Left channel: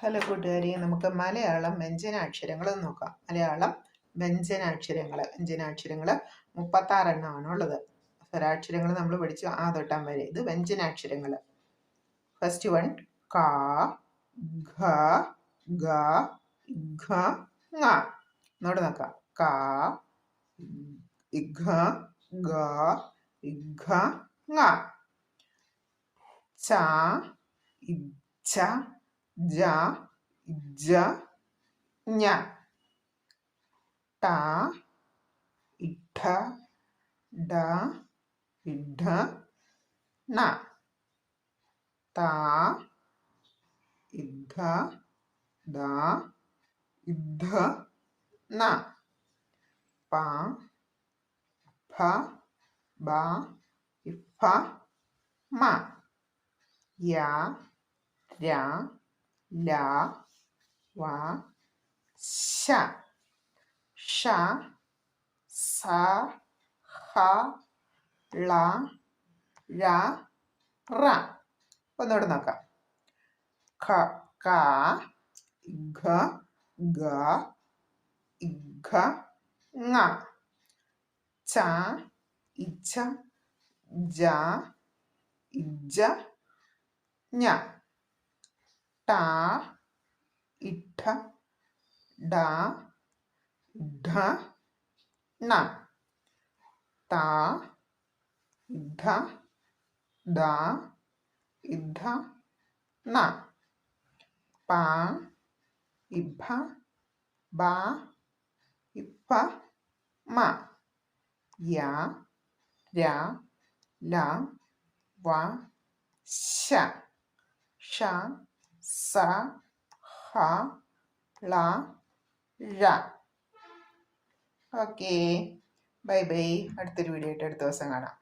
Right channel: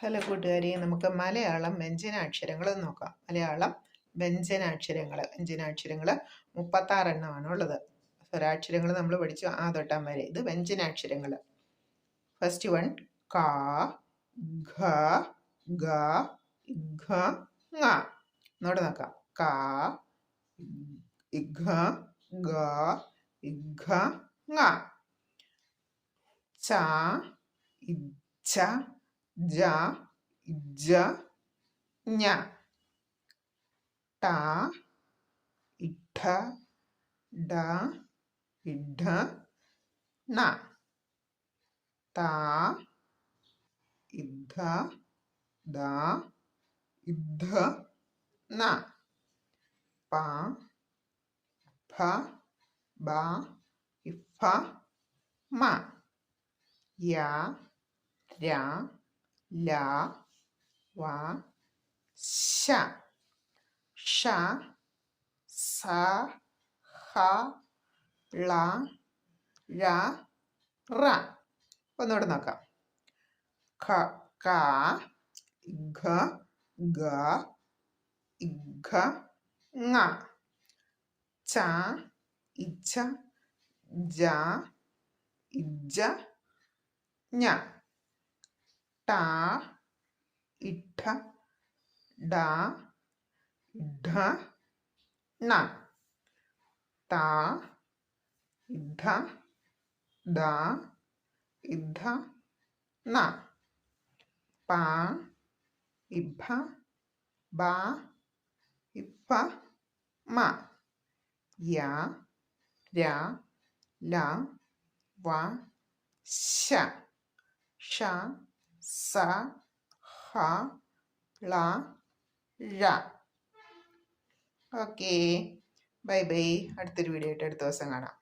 Hello കൂട്ടുകാരി നമുക്ക് മലയാളം വ്യഞ്ജനാക്ഷരങ്ങൾ നോക്കാം. മലയാളം വ്യഞ്ജനാക്ഷരങ്ങൾ വ്യഞ്ജനാക്ഷരങ്ങൾ മുപ്പത്താറെണ്ണമാണ് ഉള്ളത് സ്വരാക്ഷരങ്ങൾ നമ്മൾ പഠിച്ചു ആ തൊട്ടാൻ വരെ. ഇത് വ്യഞ്ജനാക്ഷരങ്ങൾ ഫസ്റ്റ് വൺ കാ ഘ ഗ ഘ ങ. നോട് നോക്കാം. കാ ഇഘ ഗ ഇഘ ങ. ച ഇച്ഛ ജ ജ ഞ. ട ഇഠ ഡ ഇഠ ന ത ഇദ്ധ ദ ഇദ്ധ ന പ ഫ ബ ഇഫ മ. യ ര ല വ ശ. ഷ സ ഹ ള ര റ. ഒന്നുകൂടെ നോക്കാം. ഖ ക ഘ ഗ ഇഘ ങ. ച ഇച്ഛ ജ ഇജ ഞ ട ഇഠ ഡ ഢ ണ. ത ഇദ്ധ ദ ഇദ്ധ ണ. പ ഇഭ ബ ഇഫ മ. യ ര ല വ ശ. ഷ സ ഹ ള ഴ. ഓക്കേ. Bye bye. അടുത്തൊരു വീഡിയോ ആയിട്ട് അടുത്ത ദിവസം കാണാം.